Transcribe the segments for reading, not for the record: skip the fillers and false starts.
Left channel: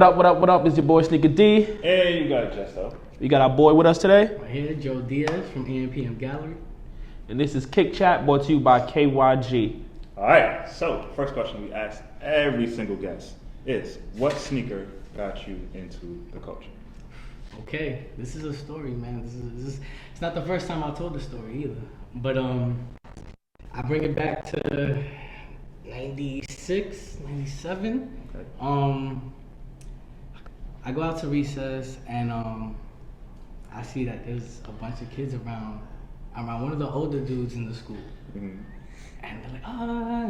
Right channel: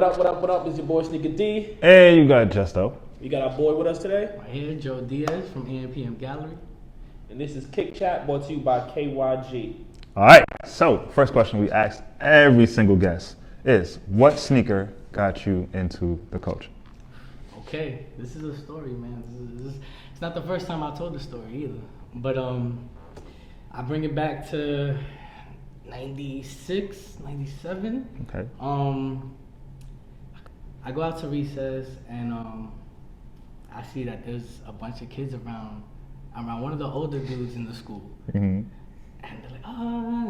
What up, what up, what up? It's your boy Sneaker D. Hey, you got Just-O. We got our boy with us today. Right here, Joseph Diaz from Ampn Gallery. And this is Kick Chat, brought to you by KYG. All right, so first question we asked every single guest is, what sneaker got you into the culture? Okay, this is a story, man. It's not the first time I told the story either. But I bring it back to 96, 97. Okay. I go out to recess and I see that there's a bunch of kids around one of the older dudes in the school. Mm-hmm. And they're like,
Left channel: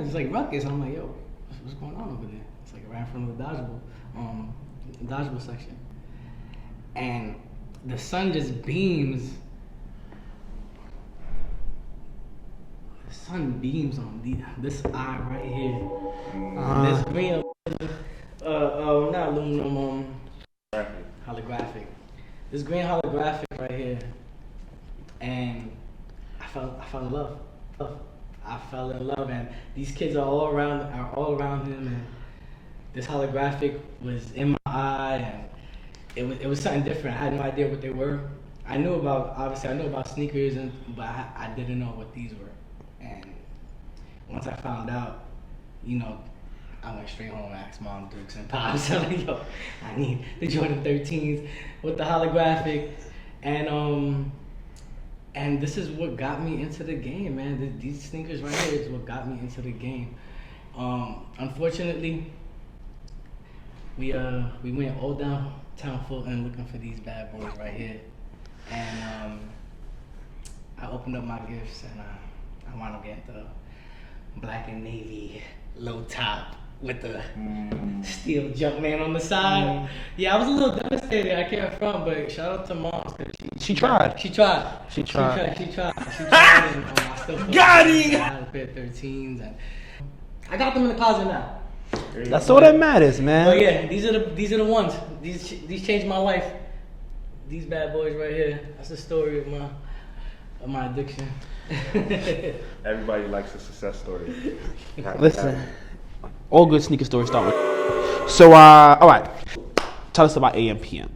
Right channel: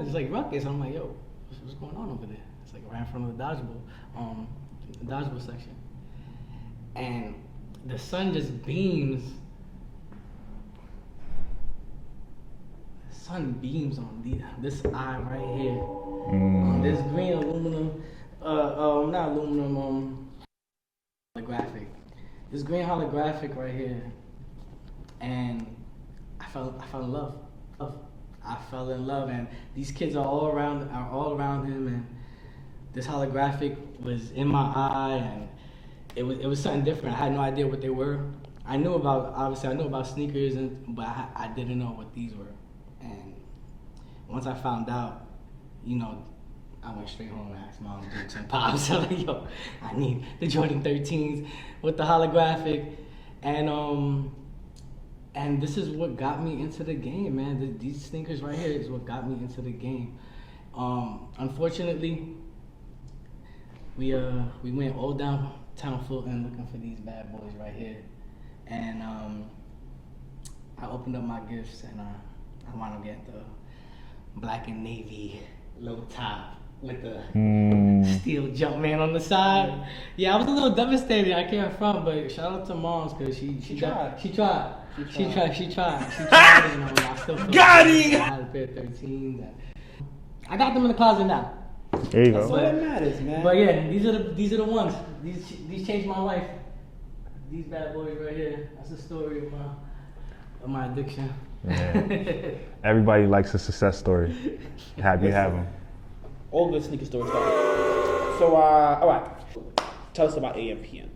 it's like ruckus. I'm like, yo, what's going on over there? It's like right in front of the dodgeball section. And the sun just beams. The sun beams on this eye right here. Mm-hmm. This green aluminum, not aluminum, holographic. This green holographic right here. And I fell in love. I fell in love, and these kids are all around him, and this holographic was in my eye, and it was something different. I had no idea what they were. I knew about sneakers, but I didn't know what these were. And once I found out, I went straight home and asked Mom, Dukes, and Pops, like, yo, I need the Jordan 13s with the holographic, and this is what got me into the game, man. These sneakers right here is what got me into the game. Unfortunately, we went all downtown Fulton looking for these bad boys right here, and I opened up my gifts and I wound up getting the black and navy low top with the steel Jumpman on the side. Yeah, I was a little devastated. I can't front, but shout out to Moms because she tried. She tried. And, I still got it. I had a pair of 13s, and I got them in the closet now. That's all that matters, man. But yeah, these are the ones. These changed my life. These bad boys right here. That's the story of my addiction. Yeah. Everybody likes a success story. Happy. All good sneaker stories start with. So, all right. Tell us about Ampn.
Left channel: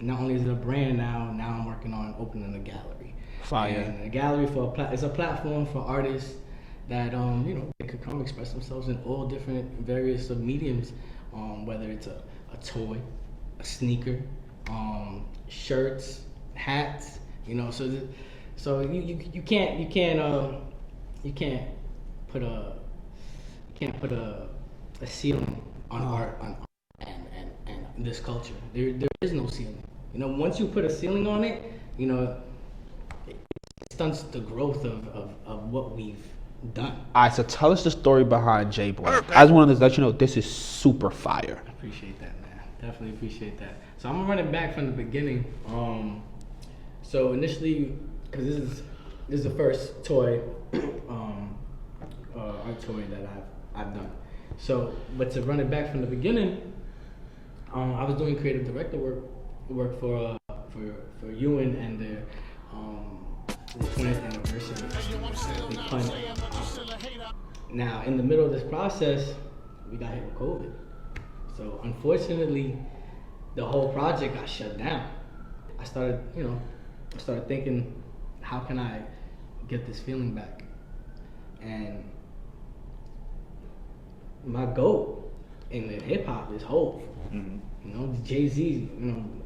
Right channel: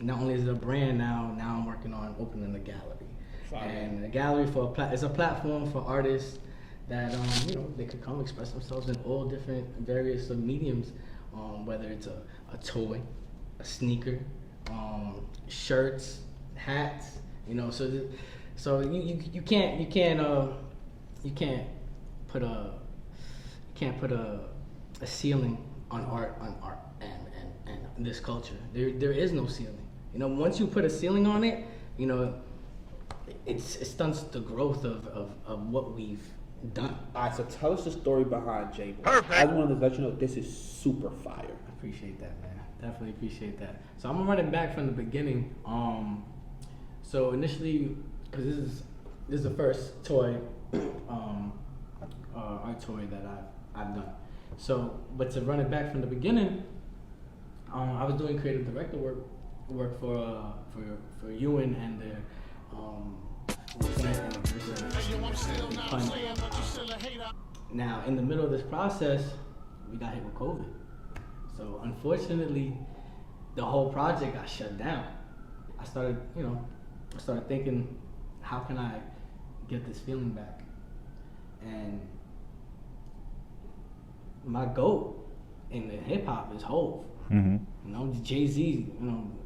Not only is it a brand now I'm working on opening a gallery. Fire. And a gallery it's a platform for artists that they could come express themselves in all different various mediums, whether it's a toy, a sneaker, shirts, hats. So you can't put a ceiling on art and this culture. There is no ceiling. Once you put a ceiling on it, it stunts the growth of what we've done. All right, so tell us the story behind Jay Boy. I just wanted to let you know this is super fire. I appreciate that, man. Definitely appreciate that. So I'm gonna run it back from the beginning. So initially, because this is the first toy, art toy that I've done. So, but to run it back from the beginning, I was doing creative director work for Ewan and their 20th anniversary. Now, in the middle of this process, we got hit with COVID. So, unfortunately, the whole project got shut down. I started thinking, how can I get this feeling back? And my GOAT in hip hop is Hov. Mm-hmm. Jay-Z.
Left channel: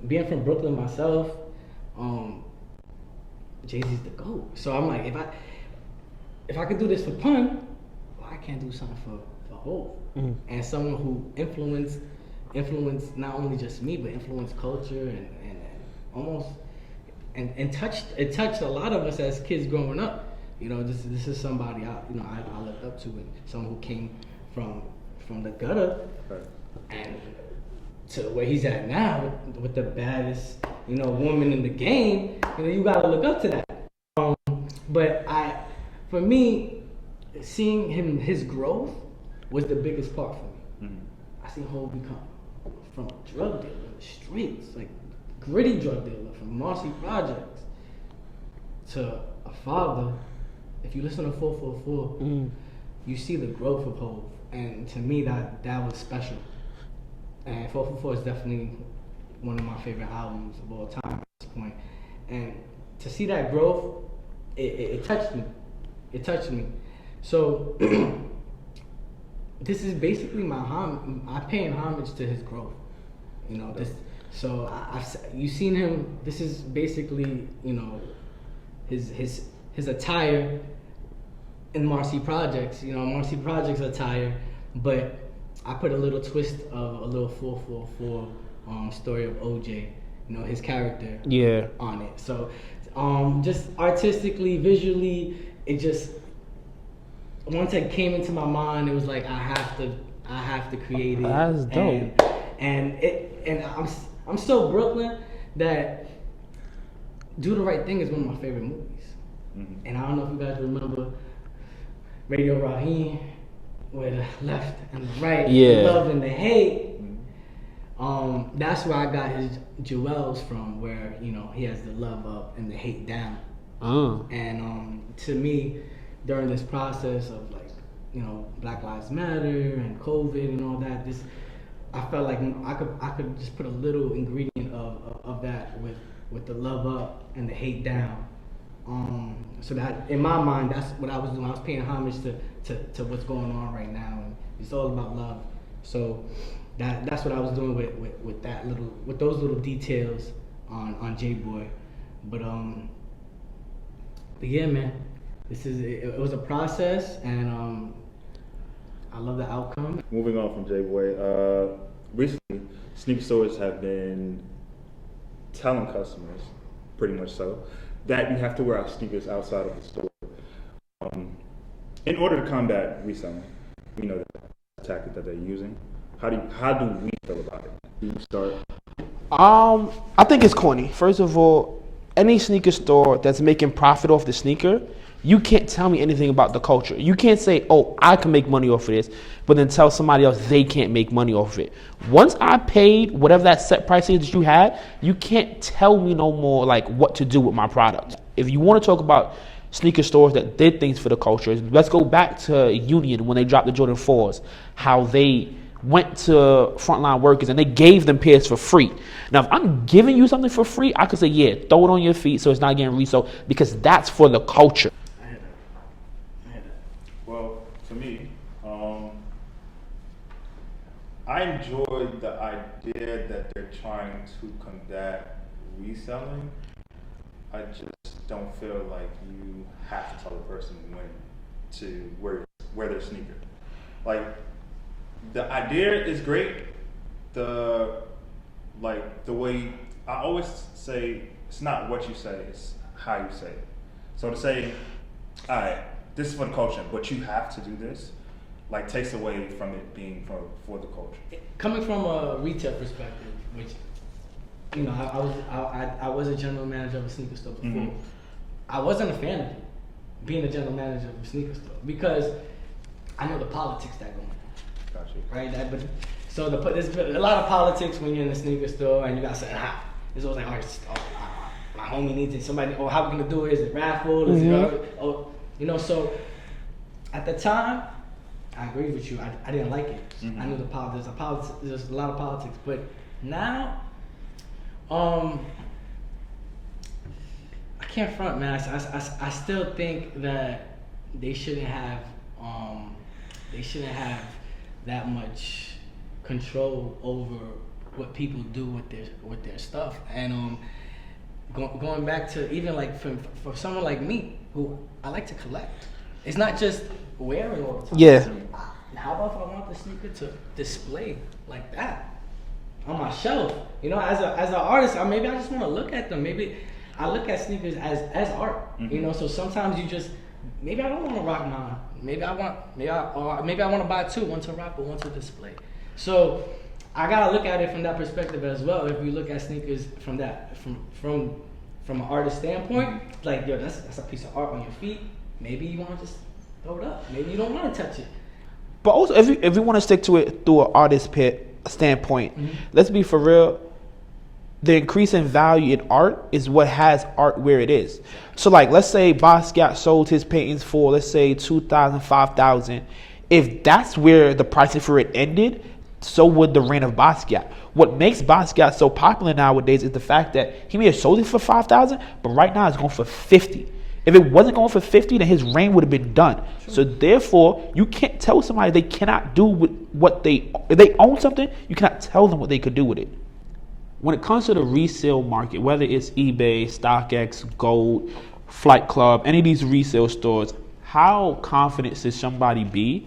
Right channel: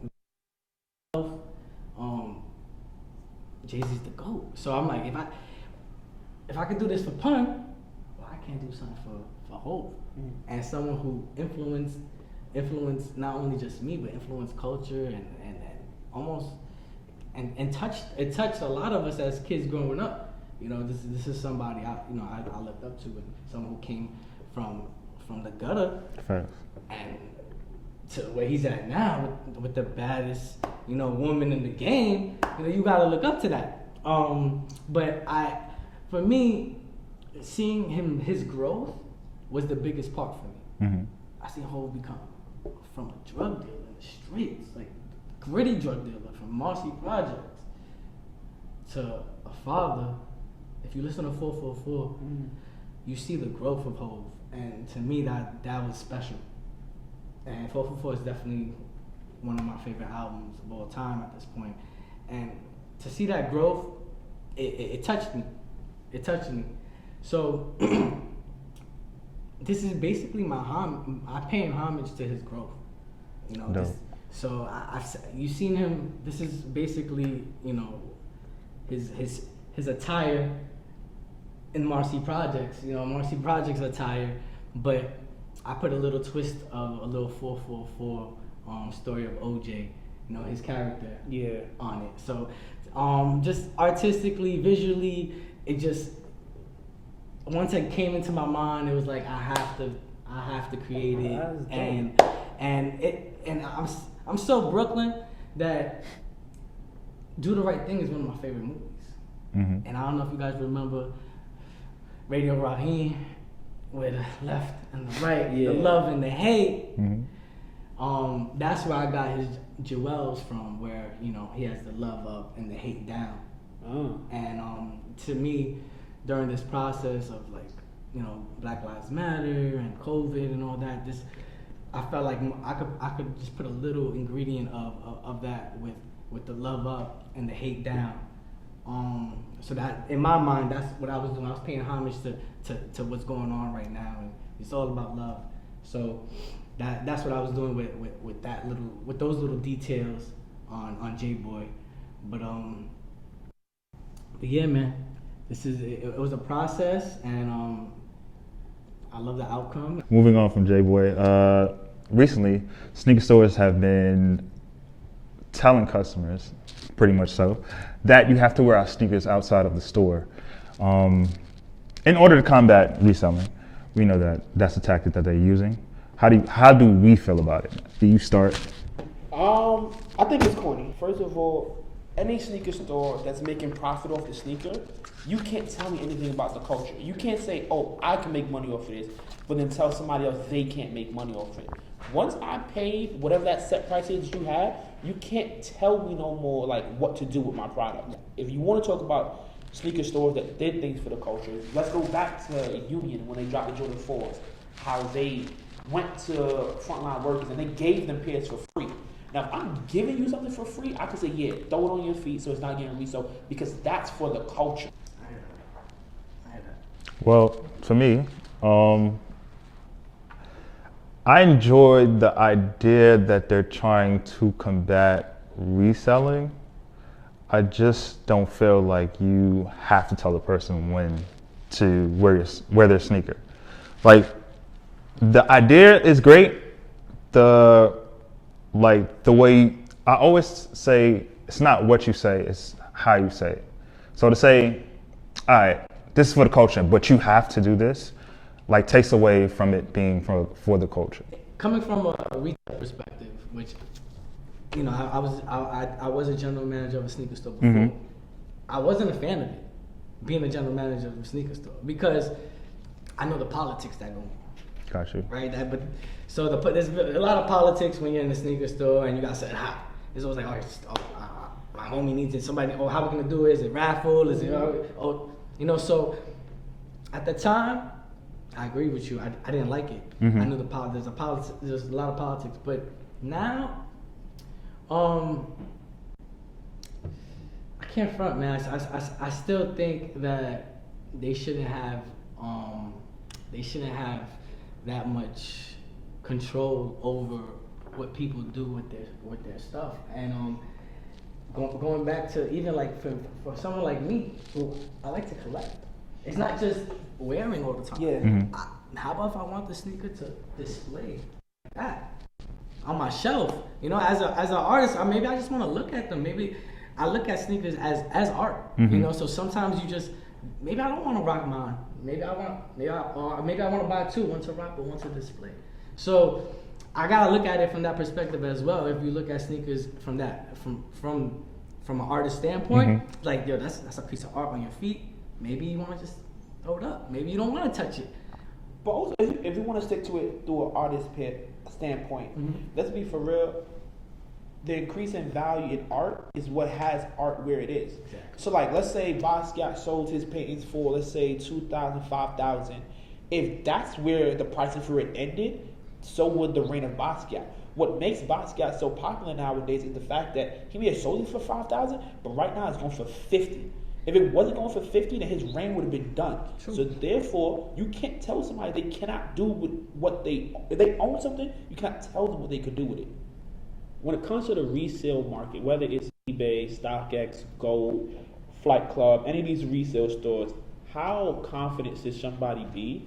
Being from Brooklyn myself, Jay-Z's the GOAT. So I'm like, if I could do this for Pun, well, I can't do something for Hov. And someone who influenced not only just me, but influenced culture and almost and touched a lot of us as kids growing up. This is somebody I looked up to, and someone who came from the gutter and to where he's at now with the baddest woman in the game. You gotta look up to that. But for me, seeing his growth was the biggest part for me. Mm-hmm. I seen Hov become from a drug dealer in the streets, like gritty drug dealer from Marcy Projects, to a father. If you listen to 444, you see the growth of Hov, and to me that was special. And 444 is definitely one of my favorite albums of all time at this point. And to see that growth, it touched me. It touched me. So this is basically I'm paying homage to his growth. You know, so you've seen him. This is basically, you know, his attire in Marcy Projects. You know, Marcy Projects attire, but I put a little twist of a little 444 story of OJ. You know, his character. Yeah. On it. So, just artistically, visually, it just once it came into my mind, it was like I have to create it. That's dope. And I'm so Brooklyn that Do the Right Thing is one of my favorite movies. Mm-hmm. And I don't know if you guys remember Radio Raheem, where the left and the right, the love and the hate. Mm-hmm. That's where I got his jewels from, where, you know, he has the love up and the hate down. And to me, during this process of, like, you know, Black Lives Matter and COVID and all that, I felt like I could just put a little ingredient of that with the love up and the hate down. So that in my mind, that's what I was doing. I was paying homage to what's going on right now, and it's all about love. So that's what I was doing with those little details on Jay Boy. But yeah, man, it was a process, and I love the outcome. Moving on from Jay Boy, recently sneaker stores have been telling customers, pretty much so, that you have to wear our sneakers outside of the store. In order to combat reselling, we know that that's a tactic that they're using. How do we feel about it? Do you start? I think it's corny. First of all, any sneaker store that's making profit off the sneaker, you can't tell me anything about the culture. You can't say, oh, I can make money off of this, but then tell somebody else they can't make money off of it. Once I paid whatever that set price is that you had, you can't tell me no more like what to do with my product. If you want to talk about sneaker stores that did things for the culture, let's go back to Union when they dropped the Jordan 4s, how they went to frontline workers and they gave them pairs for free. Now, if I'm giving you something for free, I could say, yeah, throw it on your feet so it's not getting resold, because that's for the culture. Well, for me, I enjoyed the idea that they're trying to combat reselling. I just don't feel like you have to tell the person when to wear their sneaker. Like, the idea is great. The way I always say, it's not what you say, it's how you say it. So to say, all right, this is for the culture, but you have to do this, like, takes away from it being for the culture. Coming from a retail perspective, which, you know, I was a general manager of a sneaker store before. Mm-hmm. I wasn't a fan of it, being a general manager of a sneaker store, because I know the politics that go on. Got you. Right, there's a lot of politics when you're in the sneaker store, and you got to say, it's always like, my homie needs it. Somebody, how we gonna do it? Is it raffle? Is it, so at the time, I agree with you. I didn't like it. Mm-hmm. I knew there's a lot of politics, but now, I can't front, man. I still think that they shouldn't have that much control over what people do with their stuff. And going back to even like for someone like me, who I like to collect, it's not just wearing all the time. Yeah. Mm-hmm. How about if I want the sneaker to display like that on my shelf? You know, as an artist, maybe I just want to look at them. Maybe I look at sneakers as art. Mm-hmm. You know, so sometimes you just, maybe I don't want to rock mine. Maybe I want to buy two, one to rock, but one to display. So I gotta look at it from that perspective as well. If we look at sneakers from an artist standpoint, mm-hmm. like, yo, that's a piece of art on your feet. Maybe you want to just throw it up. Maybe you don't want to touch it. But also, if we want to stick to it through an artist standpoint, Mm-hmm. let's be for real. The increase in value in art is what has art where it is. So, like, let's say Basquiat sold his paintings for, let's say, $2,000, $5,000. If that's where the pricing for it ended, so would the reign of Basquiat. What makes Basquiat so popular nowadays is the fact that he may have sold it for 5,000, but right now it's going for 50. If it wasn't going for 50, then his reign would have been done. Sure. So therefore, you can't tell somebody they cannot do with what if they own something, you cannot tell them what they could do with it. When it comes to the resale market, whether it's eBay, StockX, Gold, Flight Club, any of these resale stores, how confident should somebody be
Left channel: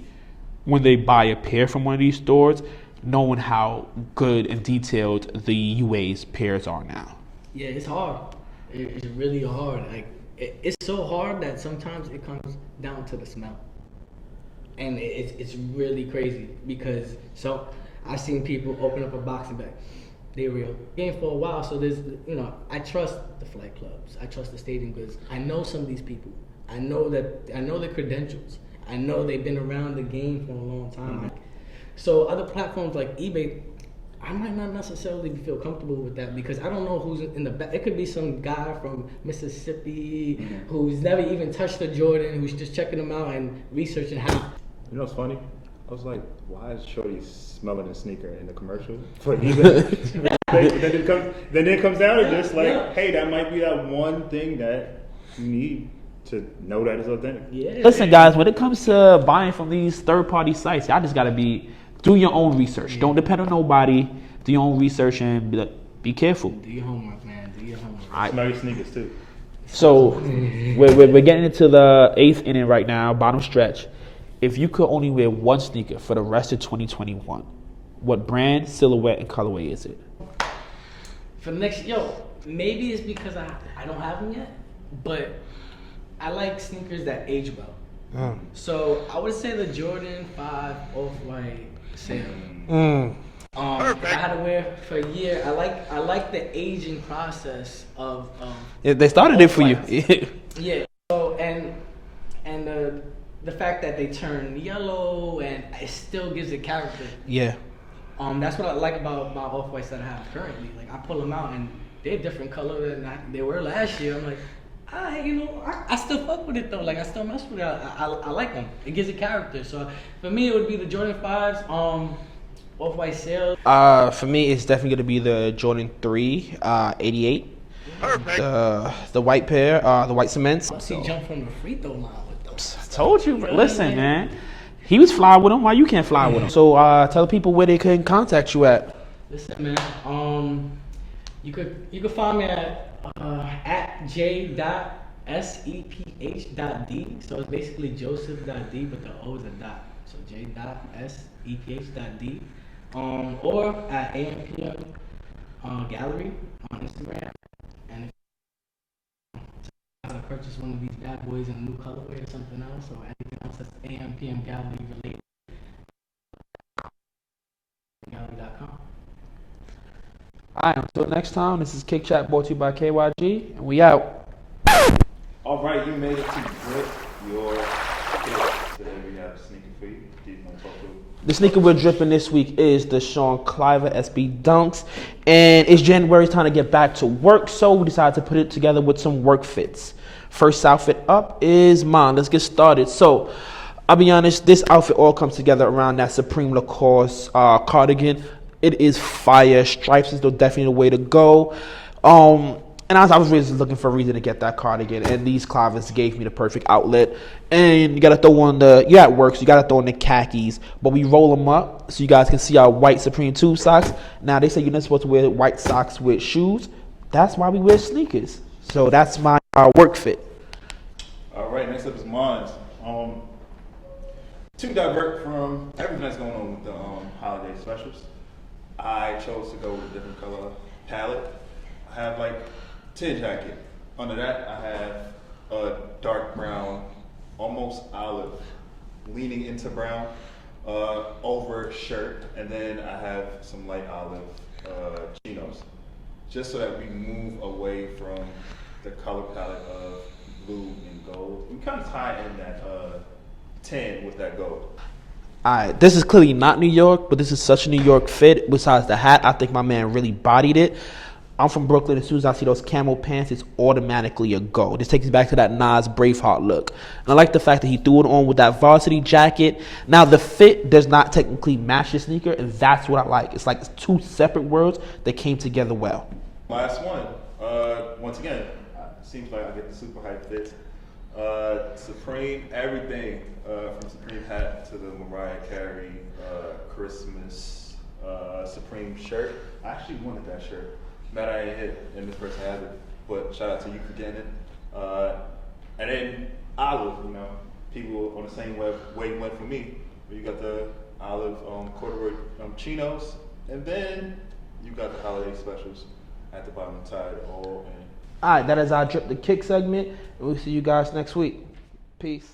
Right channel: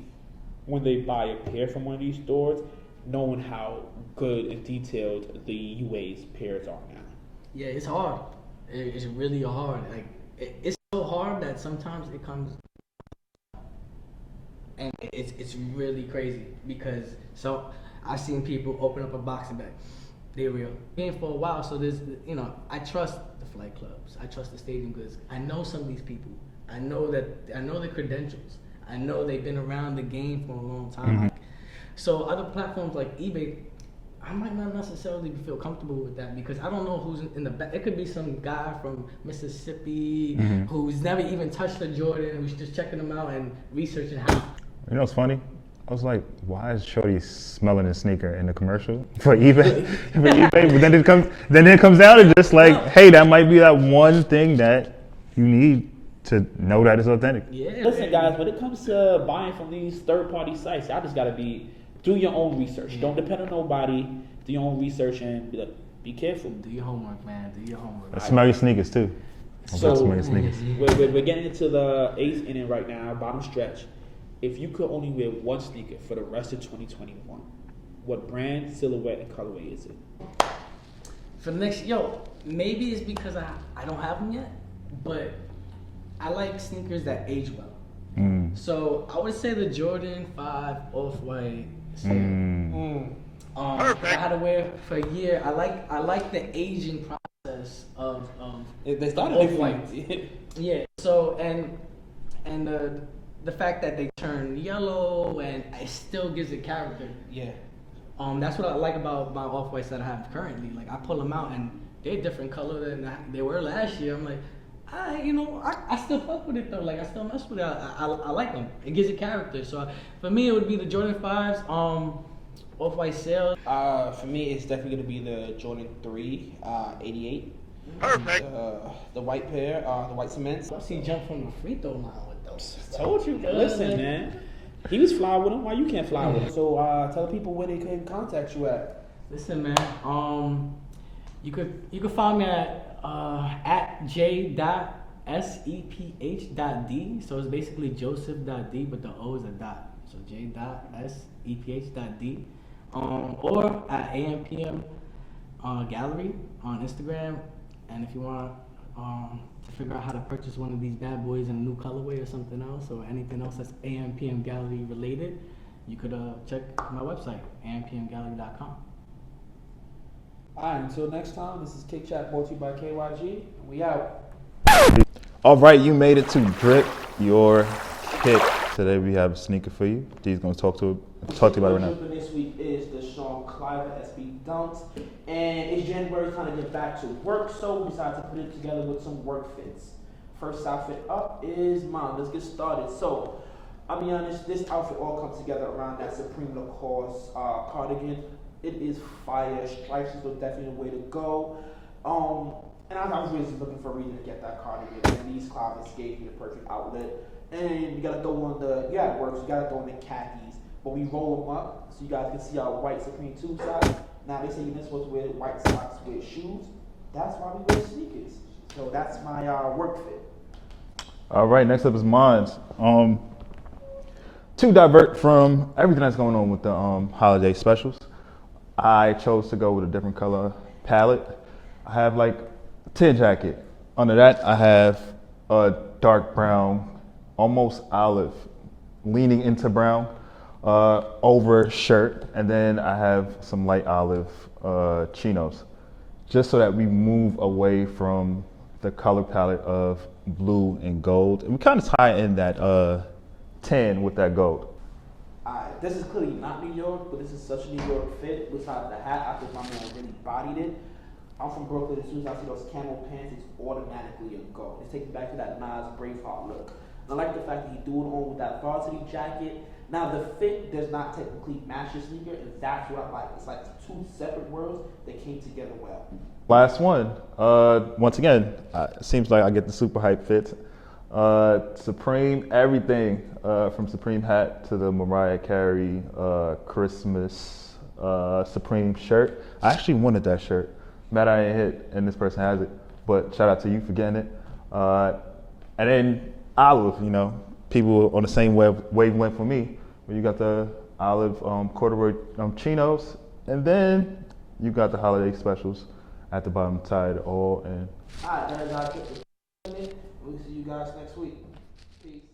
when they buy a pair from one of these stores, knowing how good and detailed the UA's pairs are now? Yeah, it's hard. It's really hard. Like, it's so hard that sometimes it comes down to the smell. And it's really crazy because, so I've seen people open up a box and be like, they're real. Game for a while, so there's, I trust the flight clubs. I trust the stadium goods. I know some of these people. I know the credentials. I know they've been around the game for a long time. Mm-hmm. So other platforms like eBay, I might not necessarily feel comfortable with that because I don't know who's in the back. It could be some guy from Mississippi who's never even touched a Jordan, who's just checking them out and researching how. You know what's funny? I was like, why is Shorty smelling a sneaker in the commercial for eBay? But then it comes down to just like, hey, that might be that one thing that you need to know that it's authentic. Yeah. Listen, guys, when it comes to buying from these third-party sites, y'all just gotta do your own research. Yeah. Don't depend on nobody. Do your own research and be careful. Do your homework, man. Do your homework. Smell your sneakers too. So we're getting into the 8th inning right now, bottom stretch. If you could only wear one sneaker for the rest of 2021, what brand, silhouette, and colorway is it? For the next, maybe it's because I don't have them yet, but I like sneakers that age well. So I would say the Jordan 5 Off-White Sale. Perfect. I had to wear it for a year. I like the aging process of they started it for you. Yeah. So and the fact that they turn yellow and it still gives it character. Yeah. That's what I like about my Off-Whites that I have currently. Like I pull them out and they're different color than they were last year. I'm like, I still fuck with it though. Like I still mess with it. I like them. It gives it character. So for me, it would be the Jordan 5s, Off-White Sale. For me, it's definitely gonna be the Jordan 3, 88. Perfect. The white pair, the white cements. Once he jumped from the free throw line with those. I told you. Listen, man. He was fly with them. Why you can't fly with him? So tell the people where they can contact you at. Listen, man. You could find me at JAY SEPH.D. So it's basically Joseph.D, but the O is a dot. So JAY SEPH.D. Or at Ampn Gallery on Instagram. And if you want to figure out how to purchase one of these bad boys in a new colorway or something else, or anything else that's Ampn Gallery related, you could check my website, ampngallery.com. Alright, until next time, this is Kick Chat brought to you by KYG, and we out. All right, you made it to Drip Your Pick. Today we have a sneaker for you. D's gonna talk to it. The sneaker we're dripping this week is the Sean Cliver SB Dunks, and it's January, it's time to get back to work, so we decided to put it together with some work fits. First outfit up is mine. Let's get started. So, I'll be honest, this outfit all comes together around that Supreme Lacoste cardigan. It is fire. Stripes is definitely the way to go. And I was really looking for a reason to get that cardigan, and these Clivers gave me the perfect outlet. And you gotta throw on you're at work, so you gotta throw on the khakis. But we roll them up so you guys can see our white Supreme Tube socks. Now they say you're not supposed to wear white socks with shoes. That's why we wear sneakers. So that's my work fit. All right, next up is mine. To divert from everything that's going on with the holiday specials, I chose to go with a different color palette. I have like tin jacket. Under that, I have a dark brown, almost olive, leaning into brown, over shirt, and then I have some light olive chinos, just so that we move away from the color palette of blue and gold. And we kind of tie in that tan with that gold. Alright, this is clearly not New York, but this is such a New York fit. Besides the hat, I think my man really bodied it. I'm from Brooklyn. As soon as I see those camel pants, it's automatically a go. This takes me back to that Nas Braveheart look. And I like the fact that he threw it on with that varsity jacket. Now, the fit does not technically match the sneaker, and that's what I like. It's like it's two separate worlds that came together well. Last one. Once again, it seems like I get the super hype fits. Supreme everything, from Supreme hat to the Mariah Carey Christmas Supreme shirt. I actually wanted that shirt. Mad I ain't hit, and this person has it. But shout out to you for getting it. And then Olive, you know, people on the same wavelength for me. Where you got the Olive corduroy chinos, and then you got the holiday specials at the bottom, tied it all in. All right, that is our Drip the Kick segment. We'll see you guys next week. Peace.